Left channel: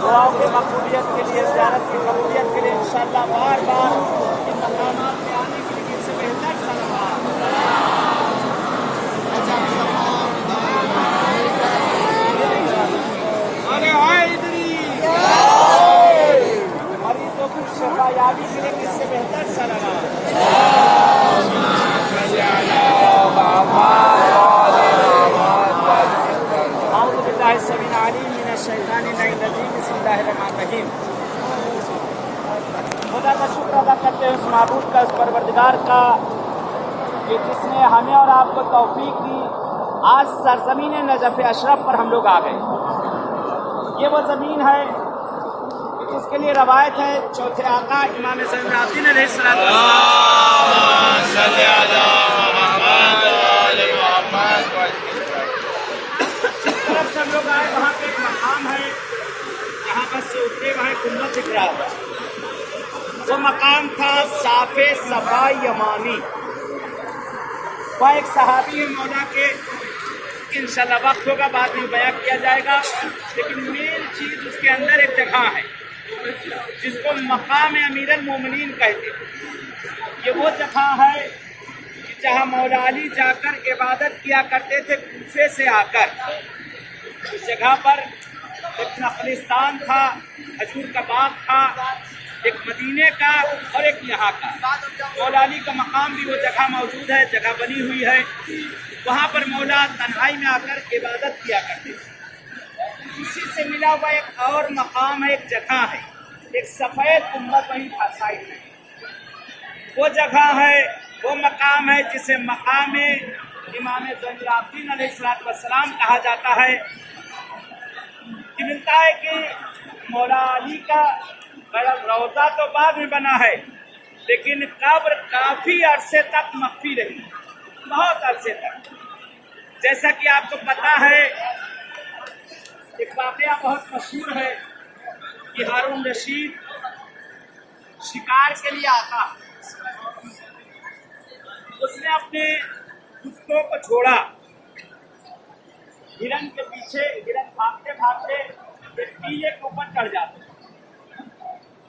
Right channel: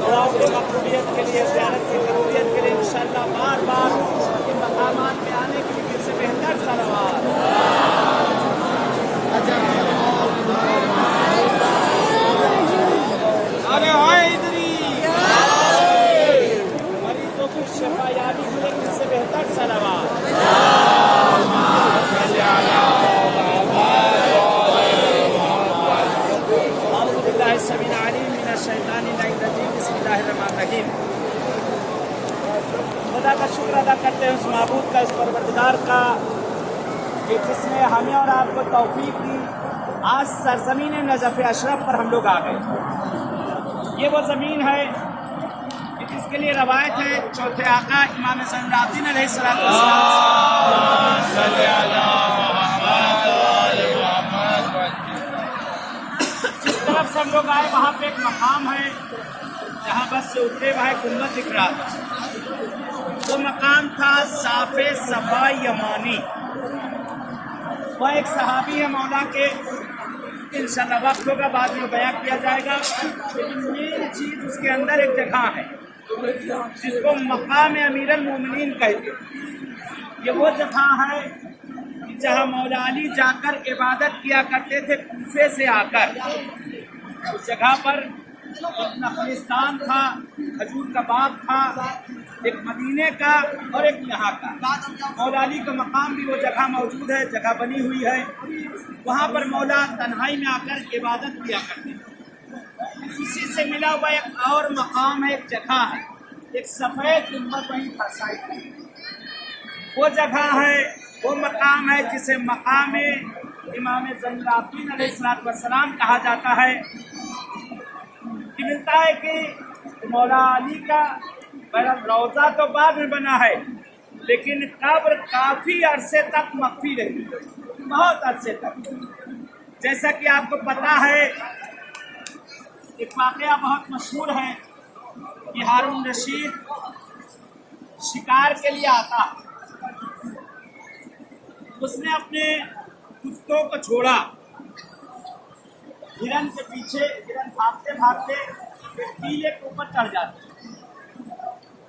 دعاؤں کی مقبولیت کے لیے زیارت کی قبولیت کے لیے انشاءاللہ بار بار ان مقامات پہ آنے کی اس سے بہتر صلوات مریضوں کو شفا یابی کے لیے اس سے بہتر صلوات اعوذ باللہ السمیع العلیم من الشیطان الرجیم بسم اللہ الرحمن الرحیم خدا کا شکر ادا کرتے ہیں اس معبود کا، اس پروردگار کا کہ جس نے ہمیں اور آپ کو توفیق دی آج سرزمین نجف اشرف پر ہم لوگ آ گئے۔ یہ وہ زمین ہے کہ جس کے لیے روایت ہے چوتھے آقا امام زین العابدین علیہ السلام جس طرف سے ہم لوگ آئے وہاں پہ ایک مقام ہے جہاں بس سے اترے وہاں گنبد دکھ رہا تھا۔ وہ مقام تھا صاف صفا یمانی۔ وہ ایک صحابی ہے مولا کے، انشاءاللہ وقت ہوگا بعد میں بیان کیا جائے گا، لیکن مین چیز اس کے اندر ایک جگہ ہے جس کو مقام امیر المومنین کہتے ہیں۔ یہ وہ جگہ ہے جہاں مولا علی جا کر عبادت کیا کرتے تھے کوفے سے آ کر۔ اس جگہ پر ایک نخلستان تھا، کھجور کا باغ تھا، ایک مدینے کا اور ایک یہاں کا۔ مولا علی کا مقام بھی وہ جگہ موجود ہے، جگہ بنی ہوئی ہے۔ وہاں پر مولا تنہائی میں آ کر عبادت کیا کرتے تھے۔ اسی سے ملا ہوا ایک اور مقام ہے، ایک جگہ ہے، ایک سفید گنبد وہیں تھا سائڈ میں۔ وہ جگہ ہے، وہ مقام ہے جسے مقام امام زین العابدین علیہ السلام کہا جاتا ہے۔ کہ ملتا ہے کہ مولا علی کا روضہ تو بعد میں بنا ہے، لیکن قبر کافی عرصے تک مخفی رہی، بہت عرصے تک۔ جیسا کہ آپ کو پتا ہے ایک واقعہ بہت مشہور ہے کہ ہارون رشید شکار کے لیے آتا، اس نے اپنے کتوں کو چھوڑا، ہرن کے پیچھے، ہرن بھاگتے بھاگتے ایک ٹیلے کے اوپر چڑھ جاتے،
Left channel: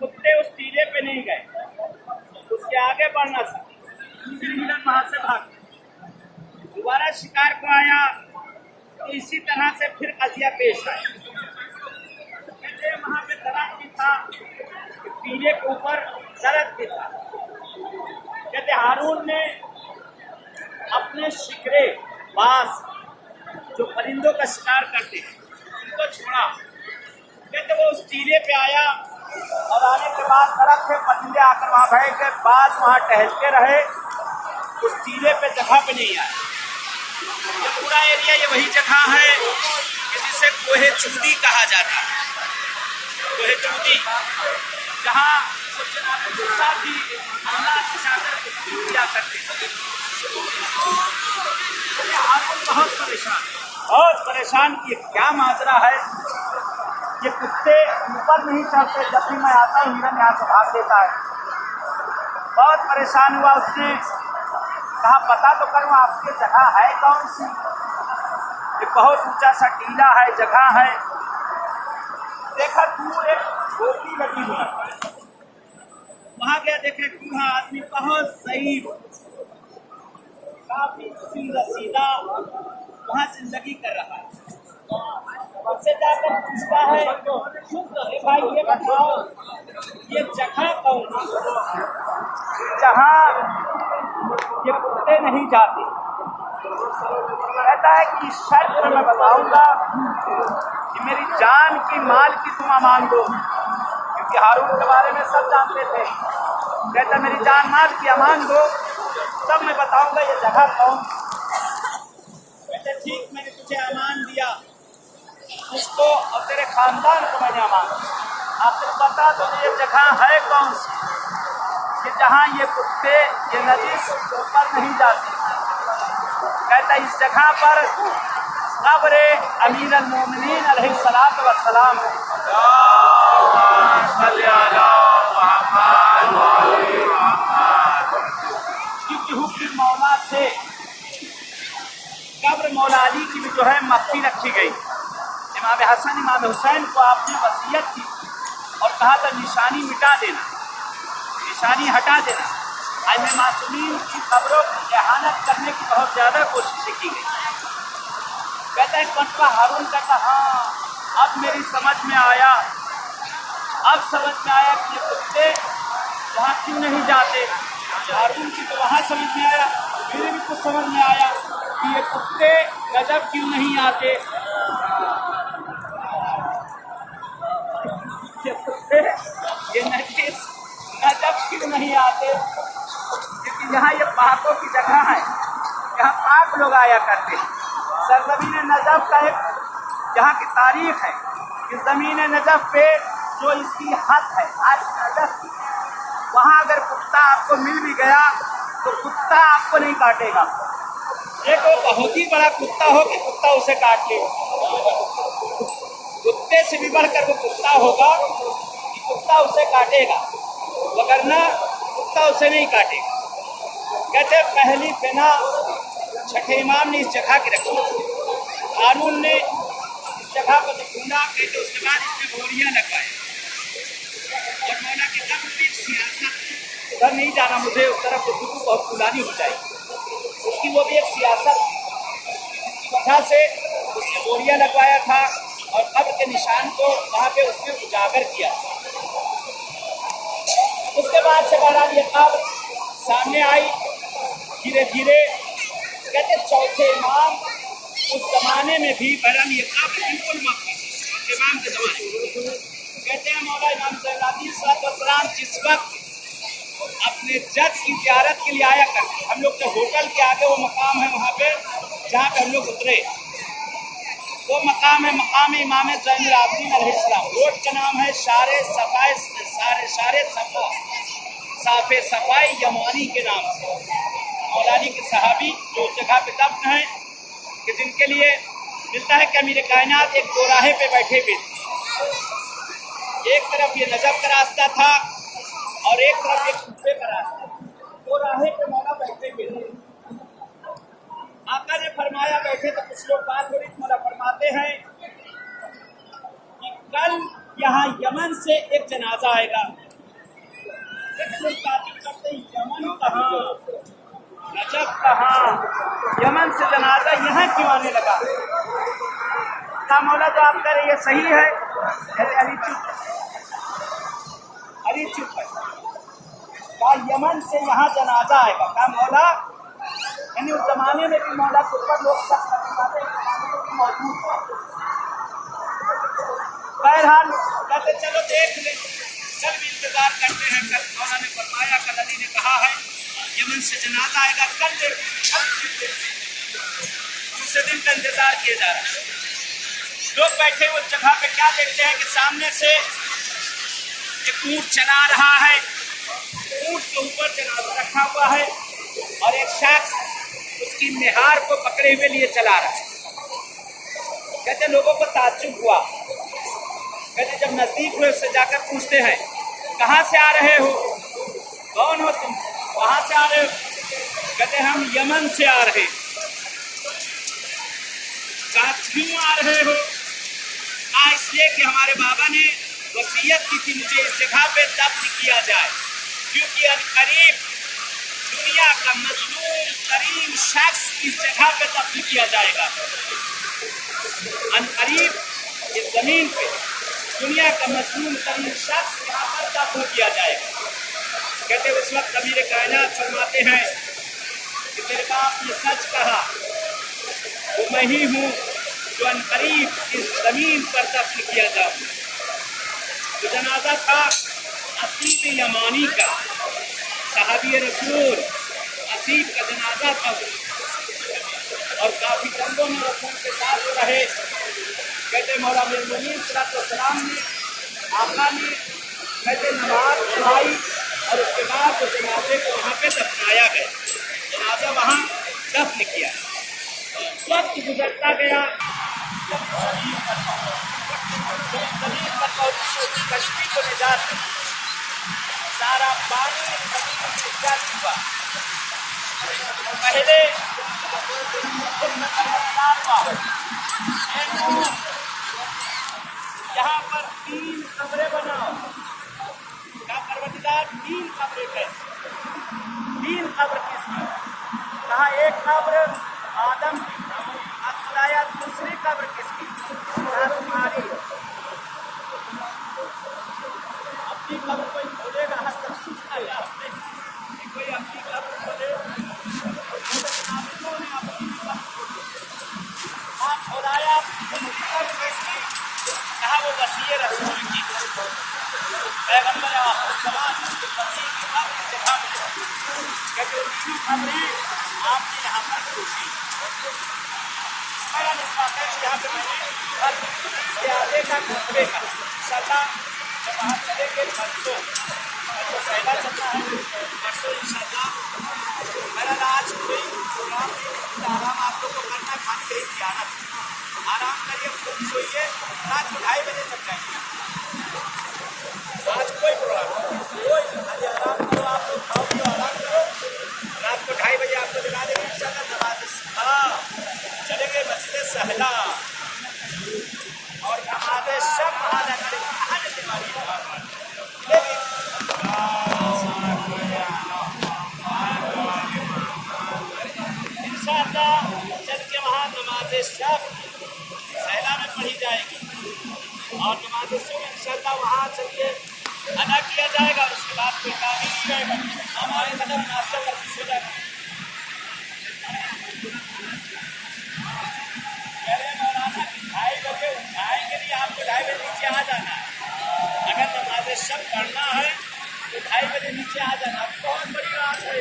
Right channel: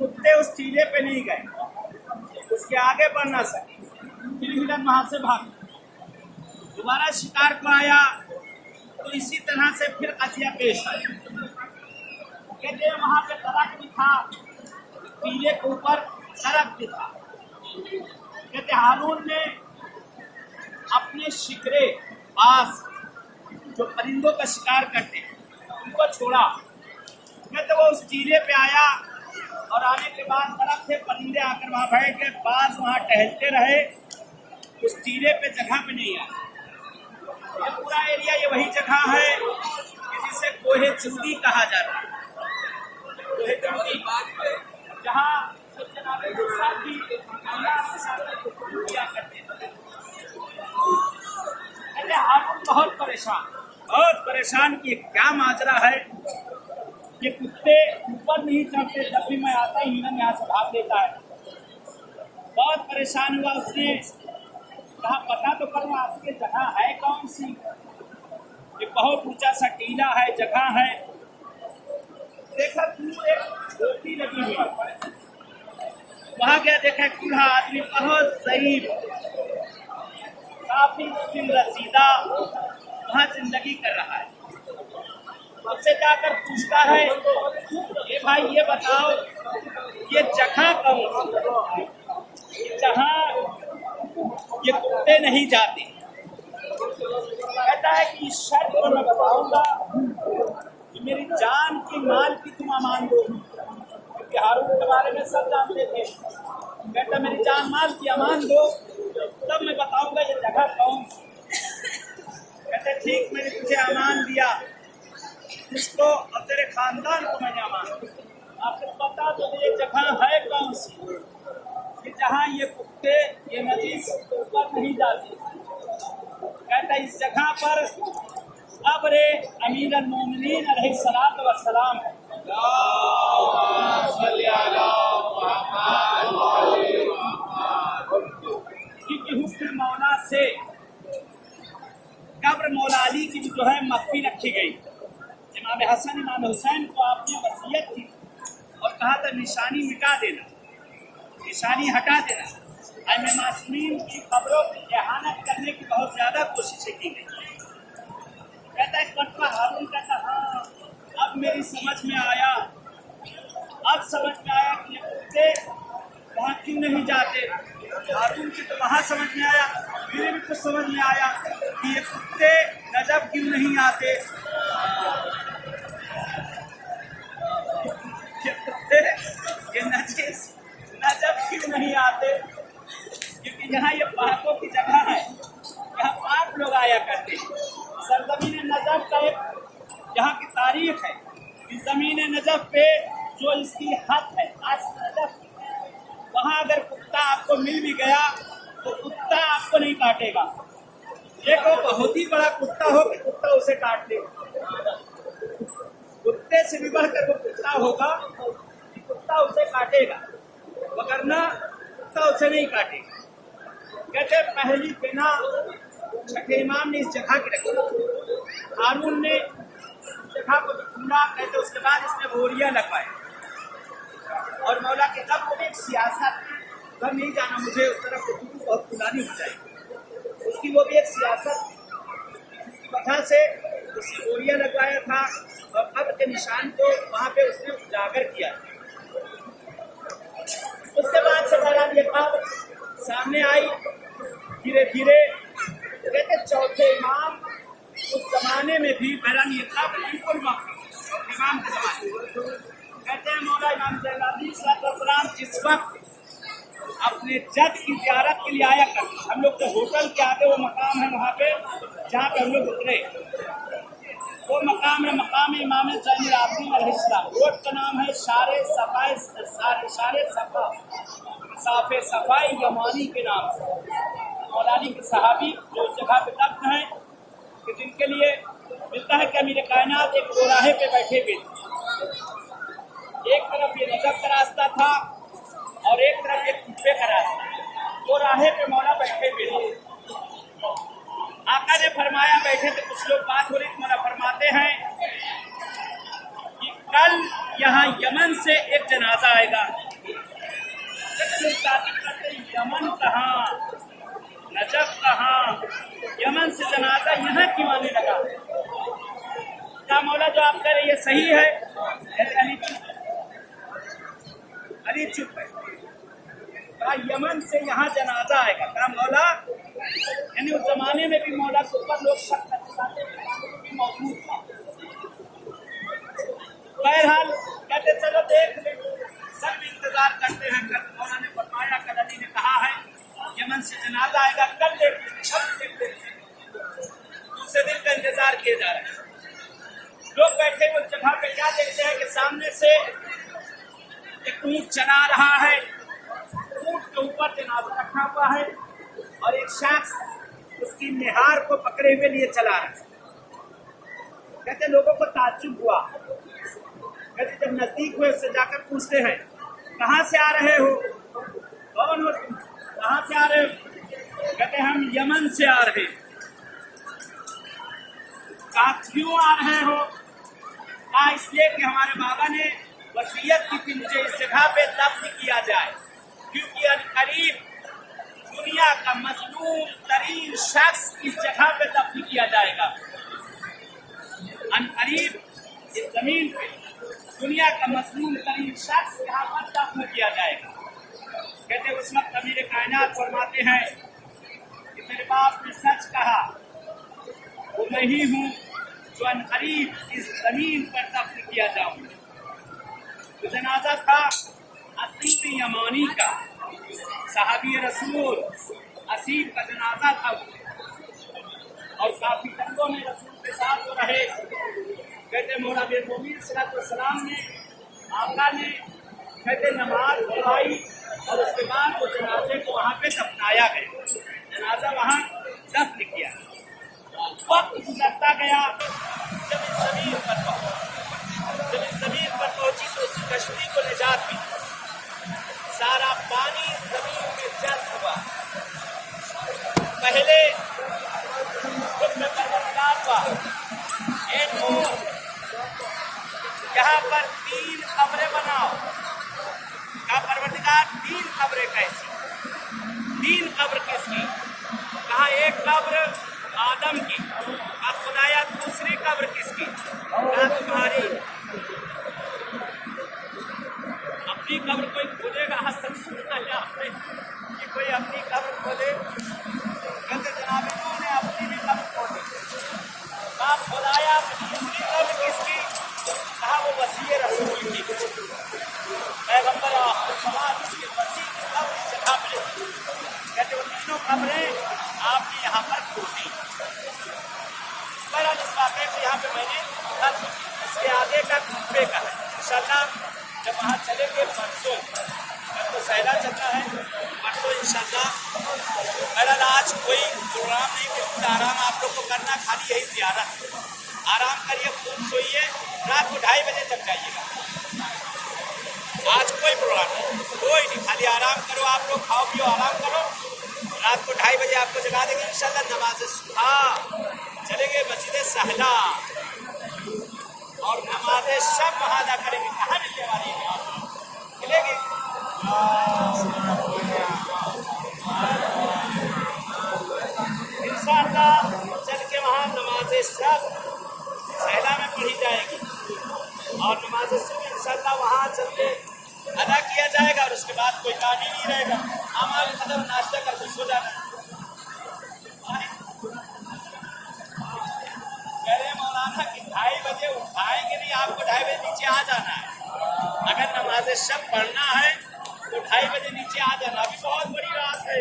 کتے اس ٹیلے پہ نہیں گئے، اس کے آگے بڑھ نہ سکے، پھر ہرن وہاں سے بھاگ دوبارہ شکار کو آیا تو اسی طرح سے پھر قضیہ پیش آیا۔ کہتے ہیں وہاں پہ درخت بھی تھا، ٹیلے کے اوپر درخت بھی تھا۔ کہتے ہارون نے اپنے شکرے باز جو پرندوں کا شکار کرتے ہیں ان کو چھوڑا۔ کہتے وہ اس ٹیلے پہ آیا اور آنے کے بعد درخت تھے، پرندے آ کر وہاں بیٹھ گئے، باز وہاں ٹہلتے رہے، اس ٹیلے پہ جگہ پہ نہیں آئے۔ یہ پورا ایریا یہ وہی جگہ ہے کہ جسے کوہ چودی کہا جاتا ہے، کوہ چودی، جہاں جناب موسیٰ بھی اللہ سے جا کر گفتگو کیا کرتے ہیں۔ ہارون بہت پریشان کہ کیا ماجرا ہے، یہ کتے اوپر نہیں چڑھتے، جب بھی میں آتا ہوں ہرن یہاں سے بھاگ دیتا ہے۔ بہت پریشان ہوا، اس نے کہا پتا تو کروں آپ کی جگہ ہے کون سی؟ ایک بہت اونچا سا ٹیلا ہے، جگہ ہے۔ دیکھا دور ایک جھوپڑی لگی ہوئی، وہاں گیا، دیکھا ایک بوڑھا آدمی بہت ضعیف، کافی سن رسیدہ وہاں زندگی کر رہا ہے۔ اس سے جا کر پوچھتا ہے اے بھائی یہ بتاؤ یہ جگہ کون سی جہاں یہ کتے نہیں جاتے؟ کہتا ہے کہ اس شرط پر میں بتاؤں گا کہ میری جان کی مال کی تم امان دو، کیونکہ ہارون کے بارے میں سب جانتے تھے۔ کہتا میری جان مال کی امان دو تب میں بتاؤں گا یہ جگہ کون۔ کہتے ٹھیک، میں نے تجھے امان دیا، اس کو اور تیرے خاندان کو میں نے امان دیا، آخر بتا تو یہ جگہ ہے کون سی کہ جہاں یہ کتے یہ نجس اوپر نہیں جاتے؟ کہتا اس جگہ پر قبر امیر المومنین علیہ السلام ہے۔ کیونکہ حکم مولا से कब्र मौला अली की भी जो है मख्फी रखी गई। इमाम हसन इमाम हुसैन को आपने वसीयत की और कहा था निशानी मिटा देना, निशानी हटा देना। आइमे मासूमीन की कब्रों की इहानत करने की बहुत ज़्यादा कोशिशें की गई। कहता है कटवा हारून कहता हाँ अब मेरी समझ में आया, अब समझ में आया कि ये कुत्ते वहाँ क्यों नहीं जाते। हारून की तो वहाँ समझ में आया, मेरे भी कुछ समझ में आया कि ये कुत्ते नजब क्यों नहीं आते। ये कुत्ते ये नजीस नजब क्यों नहीं आते, क्योंकि यहाँ ये पाकों की जगह है, यहाँ पाक लोग आया करते हैं। सरजमीन नजब का एक यहाँ की तारीख है कि ज़मीन नजब पे जो इसकी हद है आज नजब की, वहाँ अगर कुत्ता आपको मिल भी गया तो कुत्ता आपको नहीं काटेगा। एक वो बहुत ही बड़ा कुत्ता हो कि कुत्ता उसे काट ले, कुत्ते से भी बढ़कर वो कुत्ता होगा कि कुत्ता उसे काटेगा, वगरना कुत्ता उसे नहीं काटेगा। कहते पहली बिना छठे इमाम ने इस जगह की रखी। हारून ने इस जगह को ढूंढा, कहते उसके बाद इसमें बोरियां लगवाए और मौला के कब्र में भी एक सियासत, उधर नहीं जाना मुझे, उस तरफ गुफ्तगू बहुत पुरानी हो जाएगी। उसकी वो भी एक सियासत जिसकी वजह से उसने बोरियां लगवाया था और कब्र के निशान को वहाँ पे उसने उजागर किया। उसके बाद से बहरहाल ये कब्र सामने आई धीरे धीरे। कहते चौथे इमाम उस जमाने में भी बहरहाल ये कब्र बिल्कुल मक्का, चौथे इमाम के जमाने कहते हैं मौला इमाम सलाम जिस वक्त अपने जद की ज़ियारत के लिए आया करते, हम लोग जो होटल के आगे वो मकाम है वहाँ पे जहाँ पे हम लोग उतरे, वो मकाम है मकाम इमाम ज़ैनुल आबिदीन अलैहिस्सलाम। रोड का नाम है शारे सफा साफे सफाई यमानी के नाम से। मौलानी के सहाबी जो उस जगह पे दफन है कि जिनके लिए मिलता है कि अमीर कायनात एक दोराहे पे बैठे हुए थे, एक तरफ ये नजब का रास्ता था और एक तरफ एक कुफे का रास्ता, दो राहे पे मौला बैठे हुए थे। आका ने फरमाया बैठे तो कुछ लोग बात हो रही, मौला फरमाते हैं कि कल यहाँ यमन से एक जनाजा आएगा। लोग ताकीद करते यमन कहाँ, नजब कहाँ, यमन से जनाजा यहाँ क्यों आने लगा। क्या मौला जो आप कह रहे ये सही है? अली चुप, अली चुप है। कहा यमन से यहाँ जनाजा आएगा। कहा मौला यानी उस जमाने में भी मौला के ऊपर लोग शक करते भी मौजूद था। बहरहाल कहते चलो देख ले, कल भी इंतजार करते हैं। कल मौला ने फरमाया, कल अली ने कहा है यमन से जनाजा आएगा, कल देखेंगे। दूसरे दिन का इंतजार किया जा रहा है। लोग बैठे उस जगह पे क्या देखते हैं कि सामने से एक ऊँट चला रहा है, ऊँट के ऊपर जनाजा रखा हुआ है और एक शख्स उसकी निहार को पकड़े हुए लिए चला रहा है। कहते लोगों को ताज्जुब हुआ। कहते जब नजदीक हुए उससे जाकर पूछते हैं कहाँ से आ रहे हो, कौन हो तुम, कहाँ से आ रहे हो? कहते हम यमन से आ रहे। कहा क्यों आ रहे हो? कहा इसलिए कि हमारे बाबा ने वसीयत की थी मुझे इस जगह पे दफन किया जाए, क्योंकि अनकरीब दुनिया का मजलूम तरीन शख्स इस जगह पे दफन किया जाएगा। अनकरीब इस जमीन पे दुनिया का मजलूम तरीन शख्स यहाँ पर दफन किया जाएगा। कहते उस वक्त अमीर कायनात फरमाते हैं कि तेरे बाप ने सच कहा, वो मैं ही हूँ जो अनकरीब इस जमीन पर दफन किया जाऊँ। तो जनाजा था असीब यमानी का, सहाबी रसूल असीब का जनाजा था वो, और काफ़ी जंगों में रसूल के साथ वो रहे। कहते मौला मोमिन सलाम ने आका ने कहते नमाज पढ़ाई और उसके बाद उस जनाजे को वहाँ पे दफनाया गया, जनाजा वहाँ दफन किया। वक्त गुजरता गया, जब इस ज़मीन पर पहुंची उसी कश्ती को निजात मिली, सारा पानी जमीन में जल हुआ। पहले हुआ एक यहाँ पर 3 कब्रें बनाओ का परवरदिगार 3 कब्रें कैसी 3 कब्र किसकी कहा एक कब्र आदम की अब खुदाया दूसरी कब्र किसकी कहा तुम्हारी अपनी कब्र कोई खोलेगा सब सुनता है कि कोई अपनी कब्र खोले ने अपनी भी कब्र खोली कहा खुदाया दूसरी कब्र किसकी कहा वो वसीय रसूल की पैगंबर समाज की वसी की कब्र जगह मिले कहते वो तीनों कब्रें आपने यहाँ पर खोली बड़ा निस्वात है कि यहाँ पे मैंने इसके आगे का घूमने का इंशाल्लाह जब वहाँ चलेंगे परसों तो सहला चलना है परसों इंशाल्लाह मेरा आज कोई प्रोग्राम नहीं बिल्कुल आराम आप लोग को करना खाली यही ज़ियारत आराम करिए खूब सोइए रात को 2:30 बजे तक जाइएगा आज कोई प्रोग्राम नहीं कोई नहीं खाली आराम करो आप लोग खाओ पियो आराम करो रात को 2:30 बजे आपको जगा देंगे इंशाल्लाह नमाज चलेंगे मस्जिद सहला और नमाज सब वहाँ जा करेंगे कहाँ मिलने वाली है मिलेगी इंशाल्लाह चल के वहाँ नमाज सब सहला में पढ़ी जाएगी और नमाज सुबह इंशाल्लाह वहाँ चल के अदा किया जाएगा और उसके बाद कोई काम ही नहीं रहेगा हमारे कदम नाश्ता करके सो जाना कह रहे मौलाना कि 2:30 बजे उठाएंगे नहीं आपको 2:30 बजे नीचे आ जाना है अगर नमाज शब पढ़ना है तो 2:30 बजे नीचे आ जाना अभी बहुत बड़ी रात है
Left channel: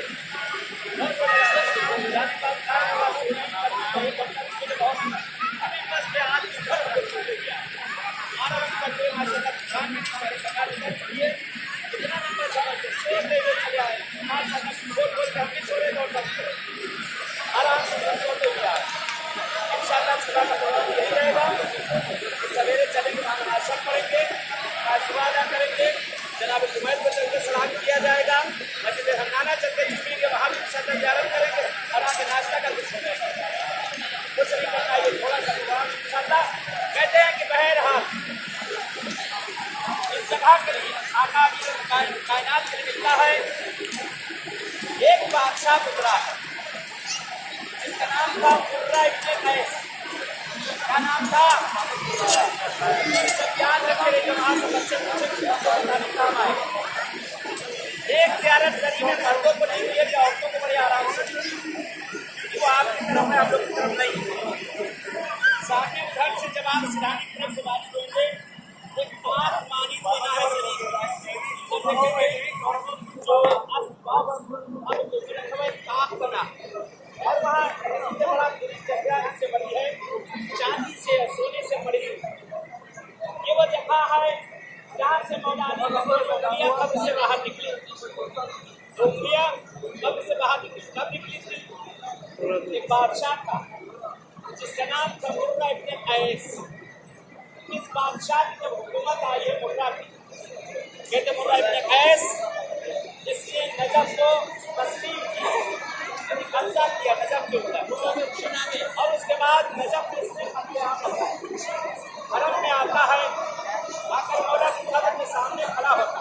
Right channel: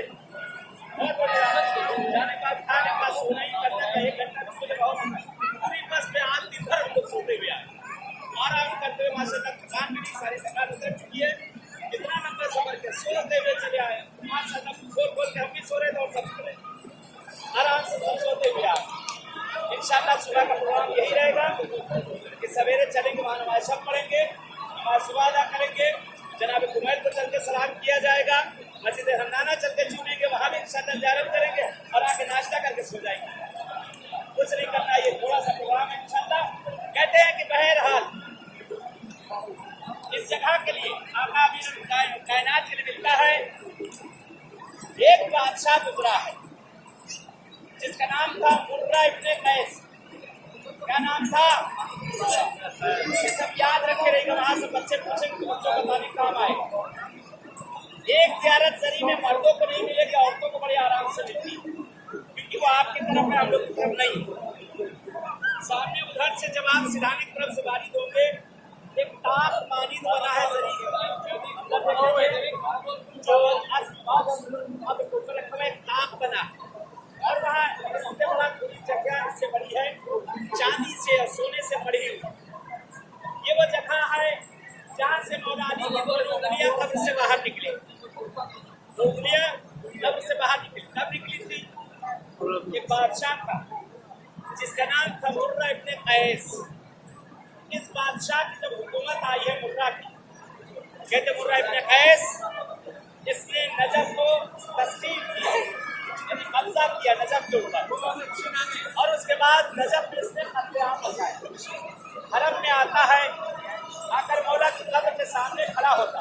बहुत बड़ी रात जाने बाद खाने का सोना ही करना है 1 घंटा भी सोने बहुत अभी बस पे हाथ की भर को सोते हुए आराम करते हुए माशाल्लाह खान भी सारे प्रकार से चलिए कितना नंबर समझते सोते हुए चले आए माशाल्लाह बोल बोल के हम भी सो रहे और सब आराम से सब सोते हुए आए इंशाल्लाह सुबह का प्रोग्राम यही रहेगा कि सवेरे चलेंगे वहाँ नमाज पढ़ेंगे नमाज सुबह अदा करेंगे जनाब कुमैल को चल के सलाम किया जाएगा मस्जिद हन्नाना चल के चूमेंगे वहाँ भी इंशाल्लाह ज़ियारत करेंगे और आके नाश्ता करके सो जाएंगे कुछ नहीं करना ये थोड़ा सा प्रोग्राम इंशाल्लाह कहते हैं कि बहरहाल इस जगह के लिए आका भी कायनात के लिए मिलता है एक बादशाह गुजरा है जिसका नाम था मुर्रा इब्ने कैस क्या नाम था सब याद रखे रहेगा वहाँ से बच्चे पूछे बताने काम आएगा एक ज़ियारत जरी में मर्दों को नहीं मिलेगी औरतों को बड़े आराम से मिलती क्योंकि वो आपकी तरफ है हम लोग की तरफ नहीं सामने उधर से जब आप सिराने की तरफ से बारी दोगे एक ताक मानी बना है अंदर देखेंगे जो अब रखा हुआ एक ताक बना और वहाँ इससे बड़ा पूरी जगह इससे बड़ी है चांदी से सोने से बड़ी ये वो जगह है जहाँ से मौला अली की दो उंगलियाँ कब्र से बाहर निकली 2 उंगलियाँ कब्र से बाहर निकली कब निकली थी एक बादशाह का जिसका नाम था मुर्रा इब्ने कैस इस बादशाह की जब हुकूमत आई है मुर्रा की कहते मुर्रा इब्ने कैस इसने नजफ को तस्लीम की यानी कब्जा किया नजफ के ऊपर और उसके बाद नजफ में इसने कत्लेआम लगाया हरम में आता है आकर मौला की कब्र के सामने खड़ा होता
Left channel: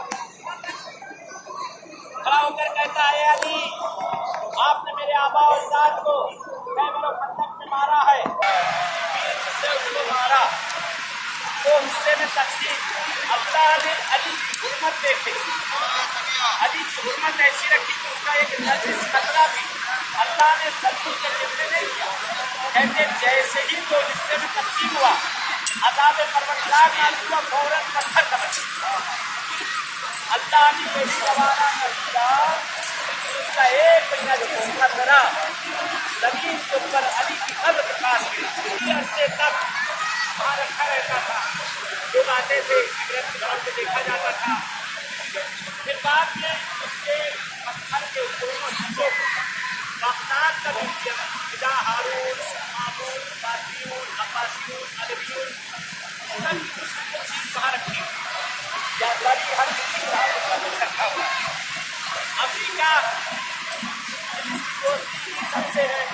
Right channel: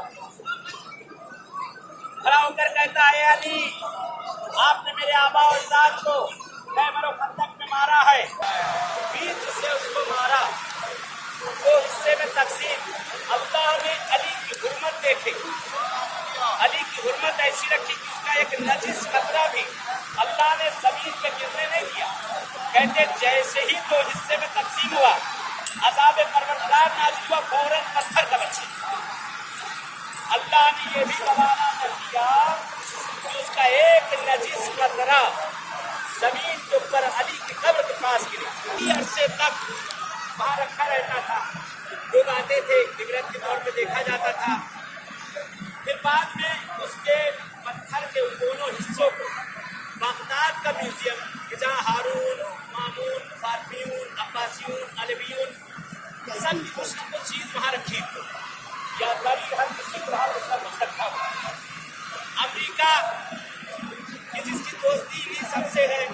खड़ा होकर कहता है अली आपने मेरे आबा और अजदाद को खैबर और खंदक में मारा है फिर जिससे उसको मारा वो हिस्से में तकसीम अल्लाह ने अली की हुर्मत देखी अली की हुर्मत ऐसी रखी कि उसका एक नजिस खतरा भी अल्लाह ने जमीन के गिरने नहीं दिया कहते जैसे ही जो हिस्से में तकसीम हुआ अज़ाब परवरदिगार नाज़िल हुआ फौरन पत्थर तलक अल्लाह ने ये भी रवाना कर दिया उसका एक नजिस खतरा जमीन के ऊपर अली की कब्र के पास गिरी अरसे तक वहाँ रखा रहता था लोग आते थे इबरत के तौर पर देखा जाता था फिर बाद में उसके पत्थर के दोनों हिस्सों को बागदाद का म्यूजियम जहाँ हारून मामून फातियून अब्बासियून अलवियून सब कुछ चीज़ वहाँ रखी हुई यादगारी हर किसी का कुछ रखा हुआ अफ्रीका जिसकी दोस्ती सबसे سے ہے,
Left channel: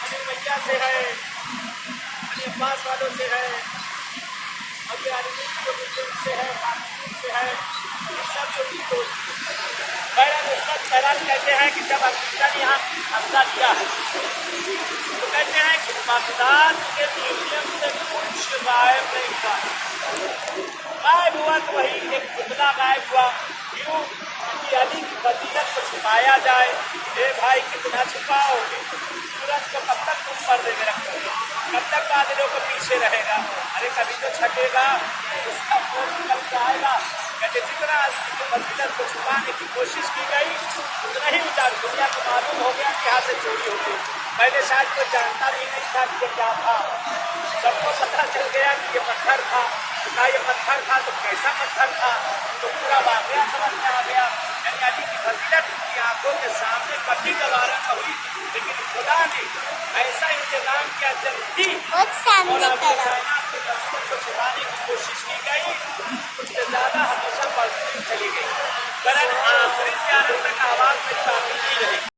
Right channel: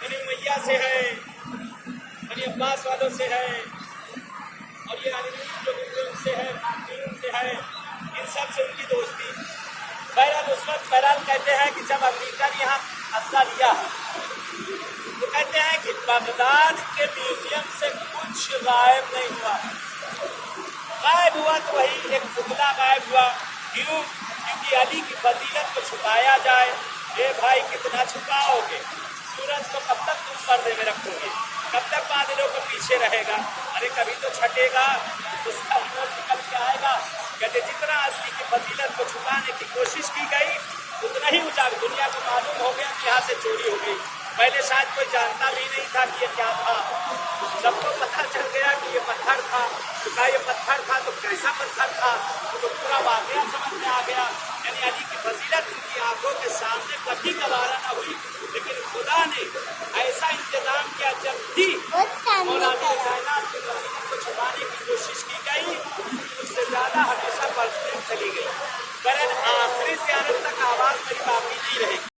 بنی امیہ سے ہے, بنی عباس والوں سے ہے, اور یہ عربی سے ہے, فاطمیوں سے ہے, ان سب سے ان کی دوستی. بہرحال عصمت بہرحال کہتے ہیں کہ جب امریکہ نے یہاں قبضہ کیا ہے تو کہتے ہیں کہ بغداد کے میوزیم سے کچھ غائب نہیں ہوا. غائب ہوا تو وہی ایک پتلا غائب ہوا. کیوں؟ کیونکہ علی کی فضیلت کو چھپایا جائے. اے بھائی کتنا چھپاؤ گے؟ سورج کو کب تک تم پردے میں رکھو گے؟ کب تک بادلوں کو پیچھے رہے گا؟ ارے کبھی تو چھٹے گا, اس کا نور نکل کے آئے گا. کہتے جتنا علی کی فضیلت کو چھپانے کی کوشش کی گئی اتنا ہی اجاگر. دنیا کو معلوم ہو گیا کہ یہاں سے چوری ہو گئی. پہلے شاید کوئی جانتا بھی نہیں تھا کہ یہ کیا تھا. سب کو پتہ چل گیا کہ یہ پتھر تھا. کہا یہ پتھر تھا تو کیسا پتھر تھا, تو پورا واقعہ سمجھ میں آ گیا. یعنی علی کی فضیلت ان کی آنکھوں کے سامنے کبھی گوارا نہ ہوئی, لیکن خدا نے ایسا انتظام کیا جب بھی کائنات کے رسول کو چھپانے کی کوشش کی گئی اس سے زیادہ ہمیشہ بڑھتی چلی گئی. برحال آخری زیارت تک آواز میری باقی نہیں رہی.